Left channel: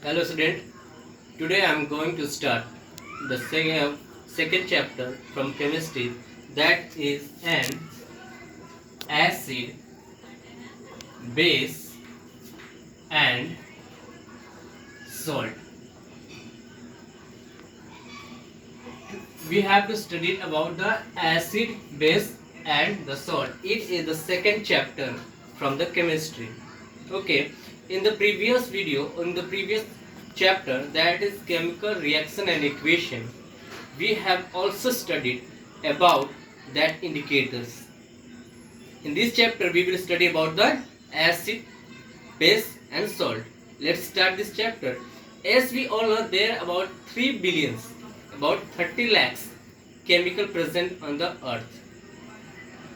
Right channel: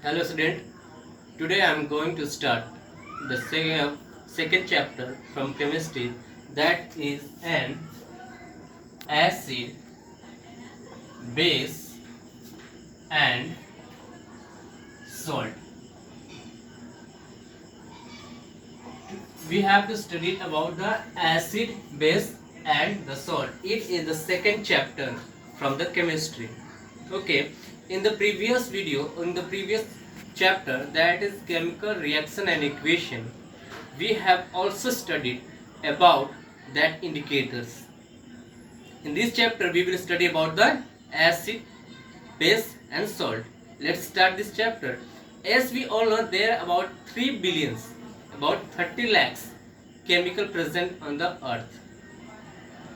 Hello student, today I am going to start the second chapter from chemistry, that is an acid, base and salt. We have to study about the acid, base and the salt. It is the second chapter from the chemistry. Okay, in the previous video, in the previous chapter, that is chemical reaction and equation, we have also studied about that indicators. In this chapter we will study about the acid, base and salt. Let's start this chapter. As we all know, there are about 3 billions, about 30 lakhs chemical present on the earth.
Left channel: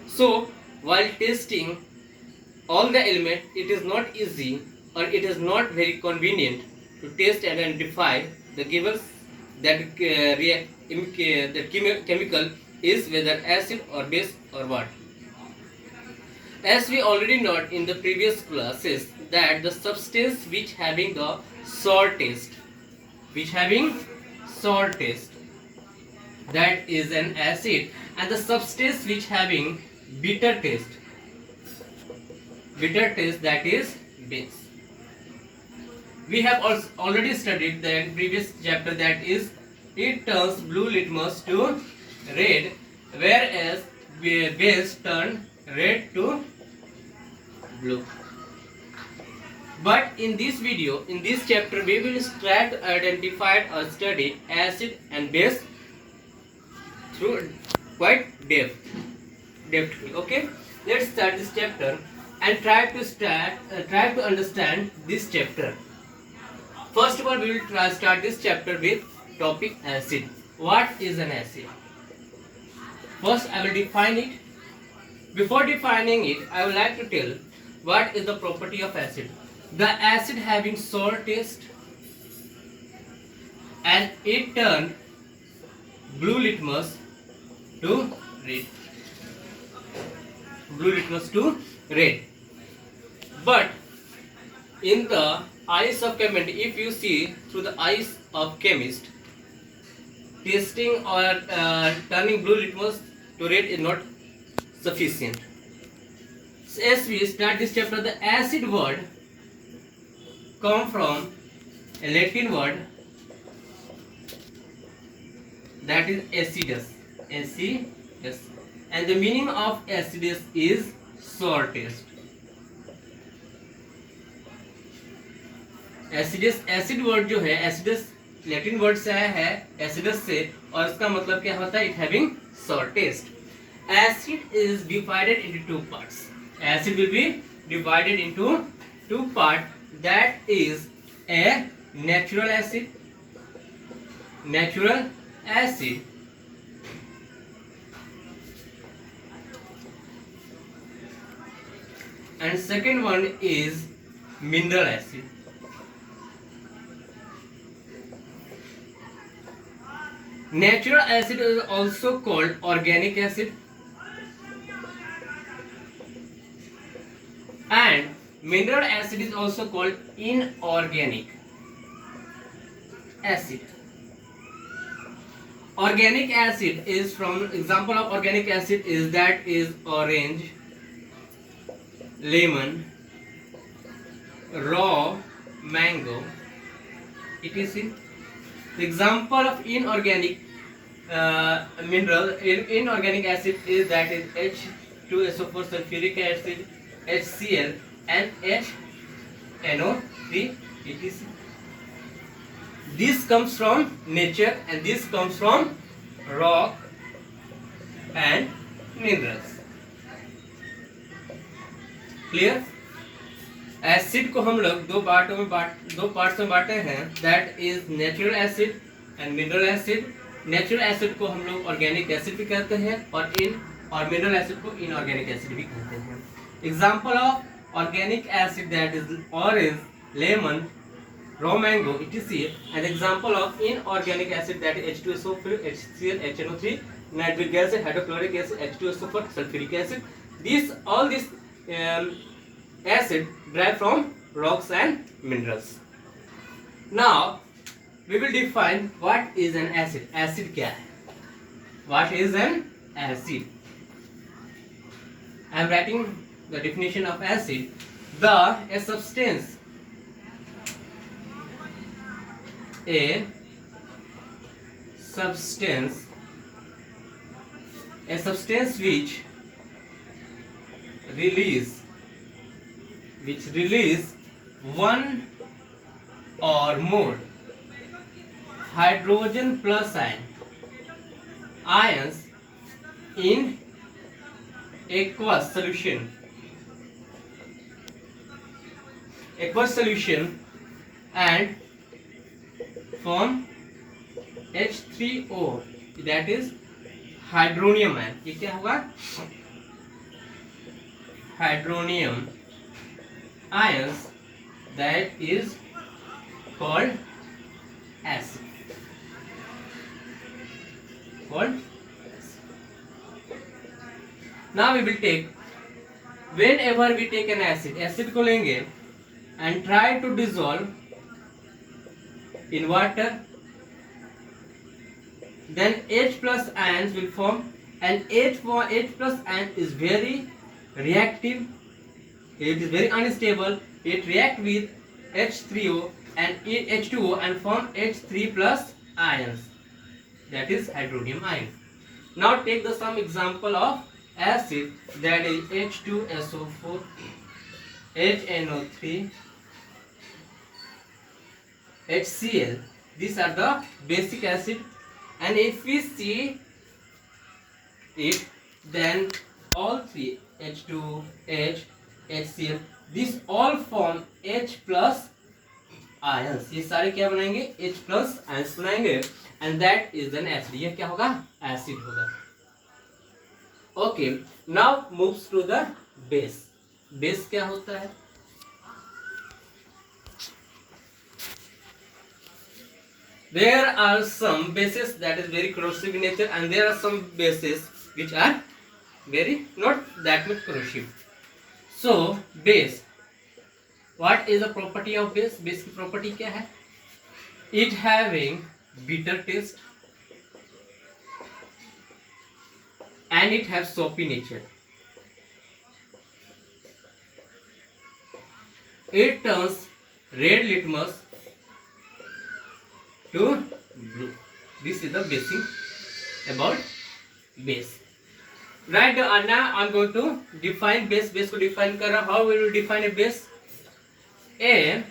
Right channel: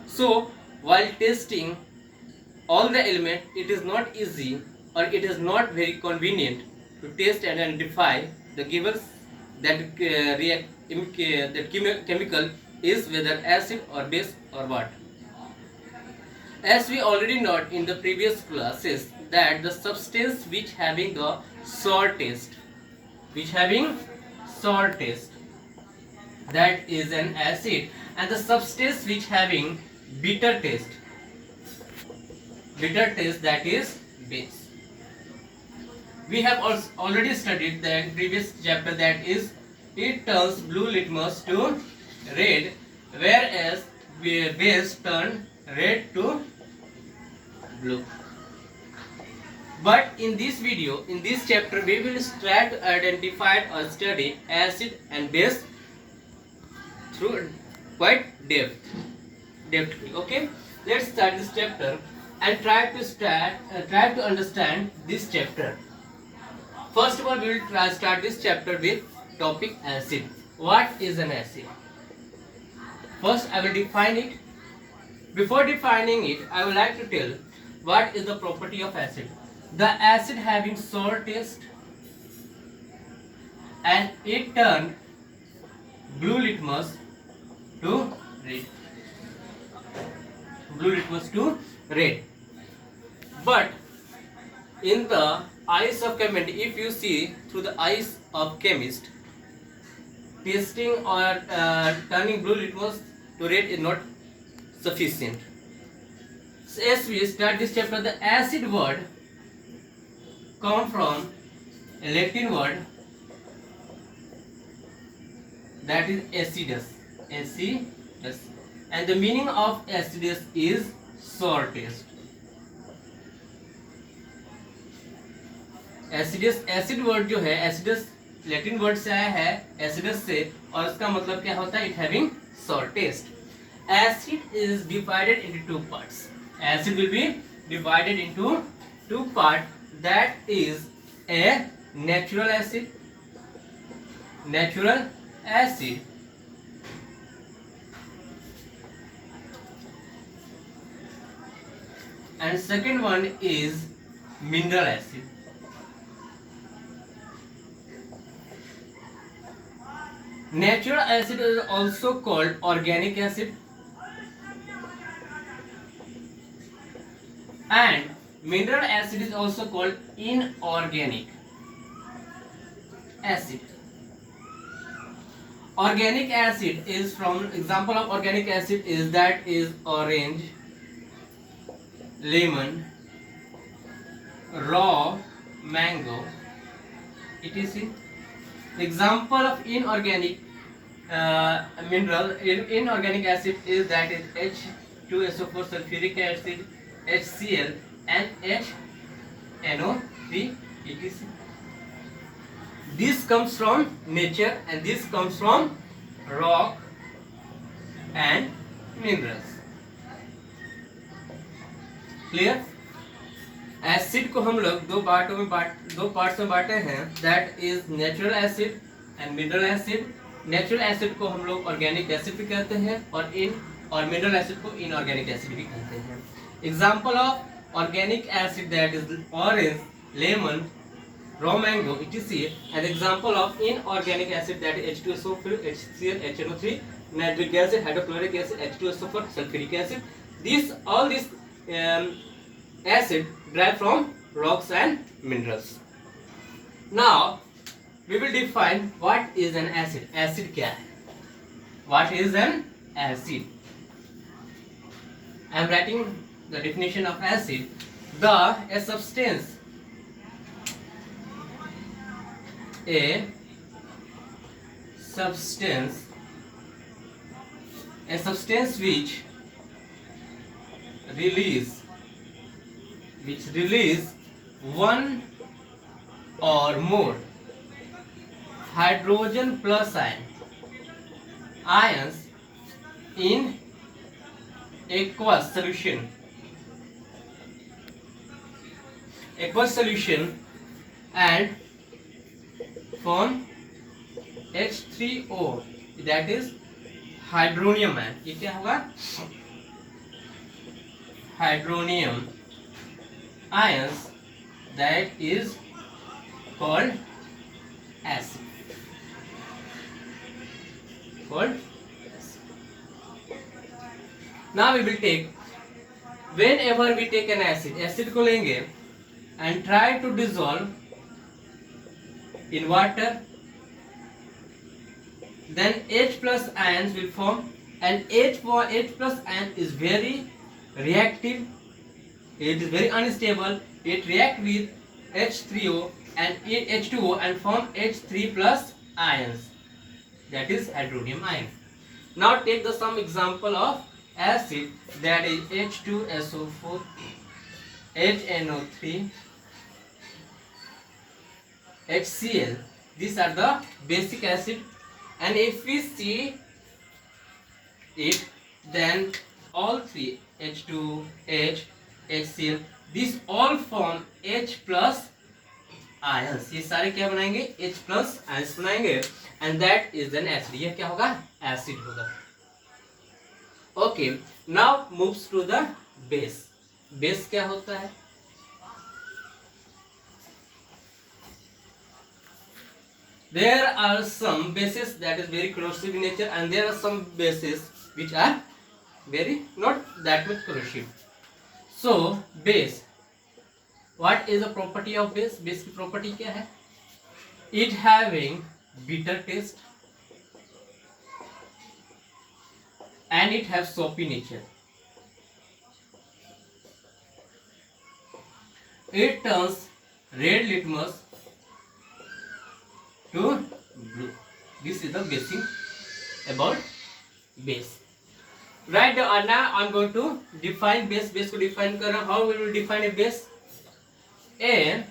So while testing all the elements, it is not easy or it is not very convenient to test and identify the given that chemical is whether acid or base or what. As we already know in the previous classes that the substance which having the salt taste, that is an acid, and the substance which having bitter taste, that is base. We have also already studied the previous chapter, that is it turns blue litmus to red, whereas base turn red to blue. But in this video, in this chapter, we will try to identify or study acid and base through quite depthly. Okay, let's start this chapter and try to understand this chapter. First of all, we will start this chapter with topic acid. What is an acid? First, I will define it. Before defining it, I would like to tell what is the property of acid. The acid having sour taste and it turn blue litmus to red. But in the eyes of chemist, if you see through the eyes of chemist, tasting or turning blue litmus to red is not sufficient. So as we start this chapter, the acid word come from a Latin word, that is acidus, and the meaning of acidus is sour taste. Acid word जो है, acidus Latin word से आया है, acidus से, और इसका मतलब क्या होता है? It having sour taste. Acid is divided into two parts. Acid will be divided into two parts, that is a natural acid and second one is mineral acid. Natural acid is also called organic acid and mineral acid is also called inorganic acid. Organic acid is, from example of organic acid is, that is orange, lemon, raw mango, etc. The example of inorganic inorganic acid is, that is H2SO4 sulfuric acid, HCl and HNO3, etc. This comes from nature and this comes from rock and minerals. Clear? Acid को हम लोग दो parts में बांटे हैं, that is natural acid and mineral acid. Natural acid को हम लोग ऑर्गेनिक एसिड भी कहते हैं और मिनरल एसिड को इनऑर्गेनिक एसिड भी कहते हैं. Example of organic acid, that is orange, lemon, raw mango, etc. and example of inorganic acid, that is H2SO4, HCl, HNO3, nitric acid, hydrochloric acid, H2SO4, sulfuric acid. All these acid derived from rocks and minerals. Now we will define what is an acid. Acid क्या है? What is an acid? I am writing the definition of acid. A substance which release one or more hydrogen plus ions in aqueous solution and form H3O, that is hydronium ion. ये क्या होगा? Hydronium ions, that is called acid. Now we will take, whenever we take an acid को लेंगे and try to dissolve in water, then H plus ions will form, and H plus ion is very reactive. It is very unstable. It react with H3O and H2O and form H3 plus ions, that is hydronium ion. Now take the some example of acid, that is H2SO4, HNO3, HCl. These are the basic acid, and if we see it, then all three, H2H, HCl, these all form H plus ions. ये सारे क्या बनाएंगे? H plus ions बनाएंगे, and that is an acid. ये क्या होगा? Acid होगा. Okay, now moves to the base. Base क्या होता है? There are some bases that is very corrosive in nature, and there are some bases which are very not that much corrosive. So base, what is the property of base? Base की property क्या है? It having bitter taste and it has soapy nature. It turns red litmus to blue. This is the basic about base. Right now I'm going to define base. Base को define कर रहा. How we will define a base? A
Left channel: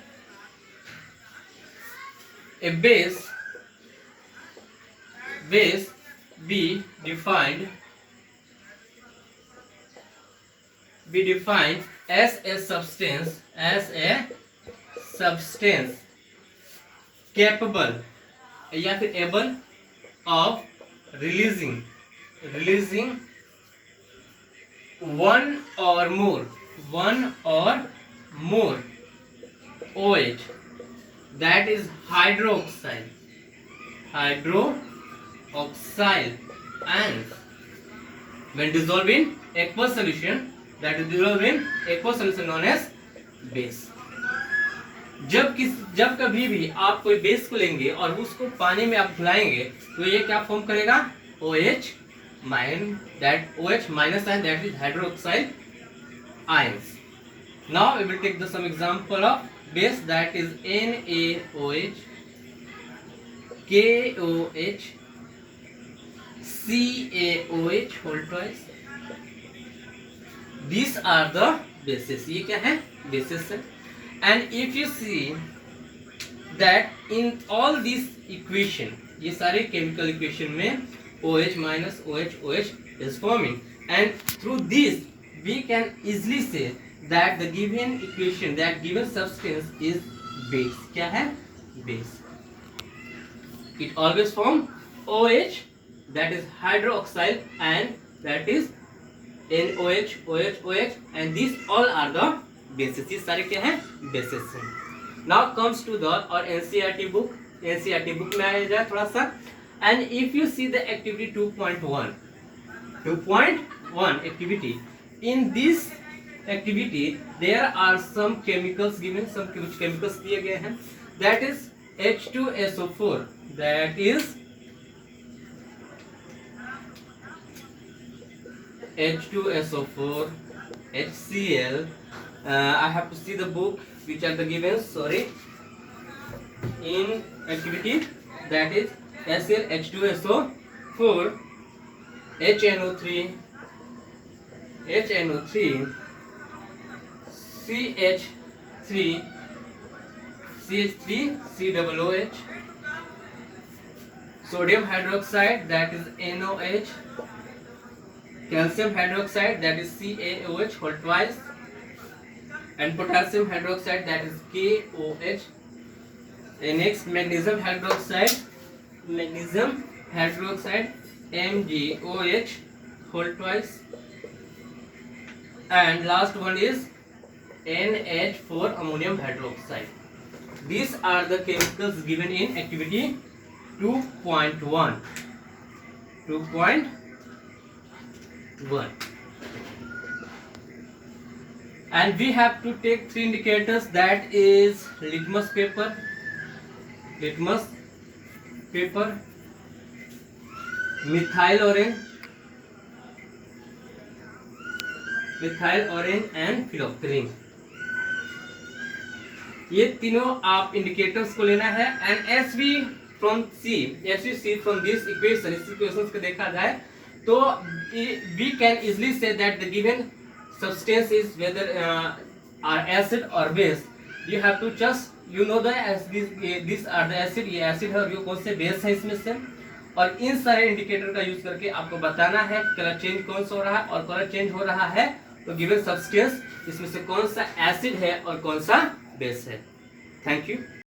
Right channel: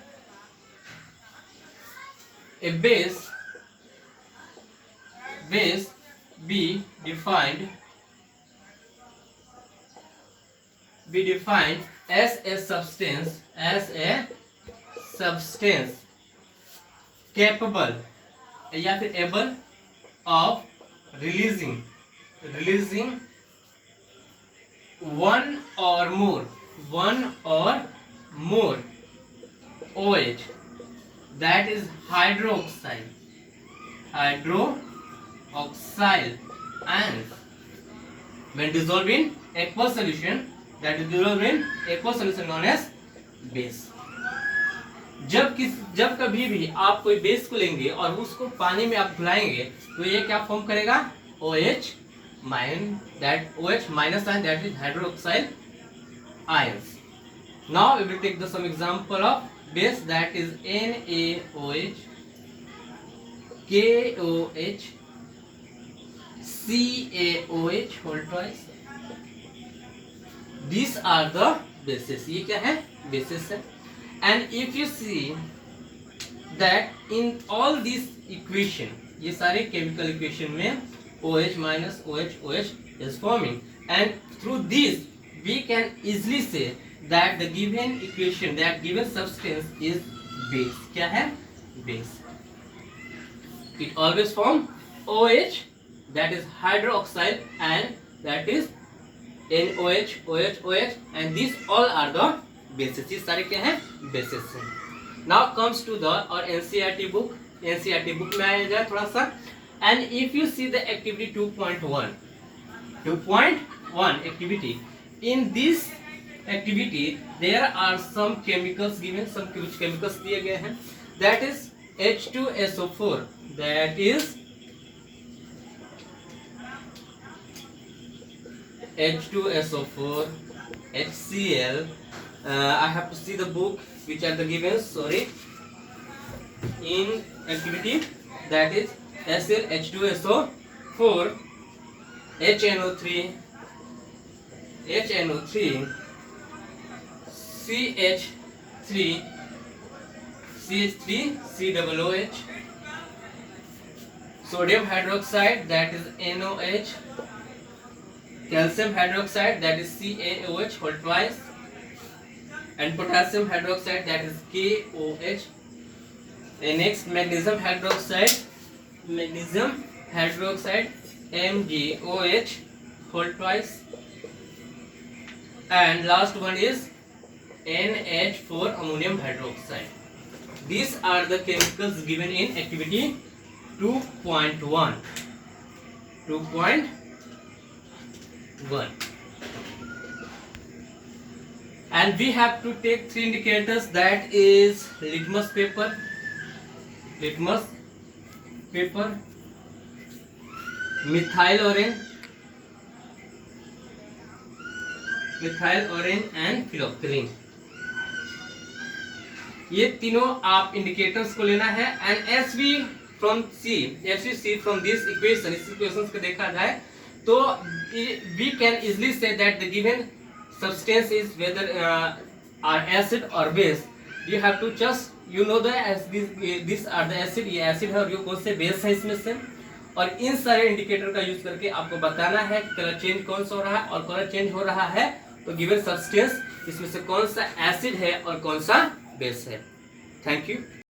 base be defined as a substance capable या फिर able of releasing one or more OH, that is hydroxyl ions, when dissolved in aqueous solution, that is dissolved in aqueous solution known as base. जब कभी भी आप कोई base को लेंगे और उसको पानी में आप घुलाएंगे तो ये क्या फॉर्म करेगा? OH minus ion, that is hydroxyl ions. Now we will take the some example of base, that is NaOH, KOH, CaOH whole twice. These are the bases. ये क्या है? Bases है. And if you see that in all these equation, ये सारे chemical equation में OH minus OH is forming, and through this we can easily say that the given equation, that given substance is base. क्या है? Base. It always form OH, that is hydroxyl, and that is NOH, OH, and these all are the bases. ये सारे क्या हैं? Bases हैं. Now comes to the और NCERT book. NCERT book में आया जाए थोड़ा सा. And if you see the activity 2.1 activity, in this activity there are some chemicals given, some chemicals दिए गए हैं, that is H2SO4, that is H2SO4, HCl. I have to see the book which are the given, sorry, in activity, that is acyl H2SO4, HNO3, CH3, CH3COOH, sodium hydroxide, that is NOH, calcium hydroxide, that is CaOH whole twice, and potassium hydroxide, that is KOH. And next, magnesium hydroxide, MgOH whole twice, and last one is NH4 ammonium hydroxide. These are the chemicals given in activity 2.1. And we have to take 3 indicators, that is litmus paper, methyl orange and phylloxylene. ये तीनों आप indicators को लेना है. And as we see from this equation, इस equation को देखा जाए तो we can easily see that the given substance is whether are acid और base. You have to just you know the this are the acid, ये acid है और ये कौन से बेस है इसमें से. और इन सारे इंडिकेटर का यूज करके आपको बताना है कलर चेंज कौन सा हो रहा है, और कलर चेंज हो रहा है तो गिवन सब्सटेंस इसमें से कौन सा एसिड है और कौन सा बेस है. Thank you.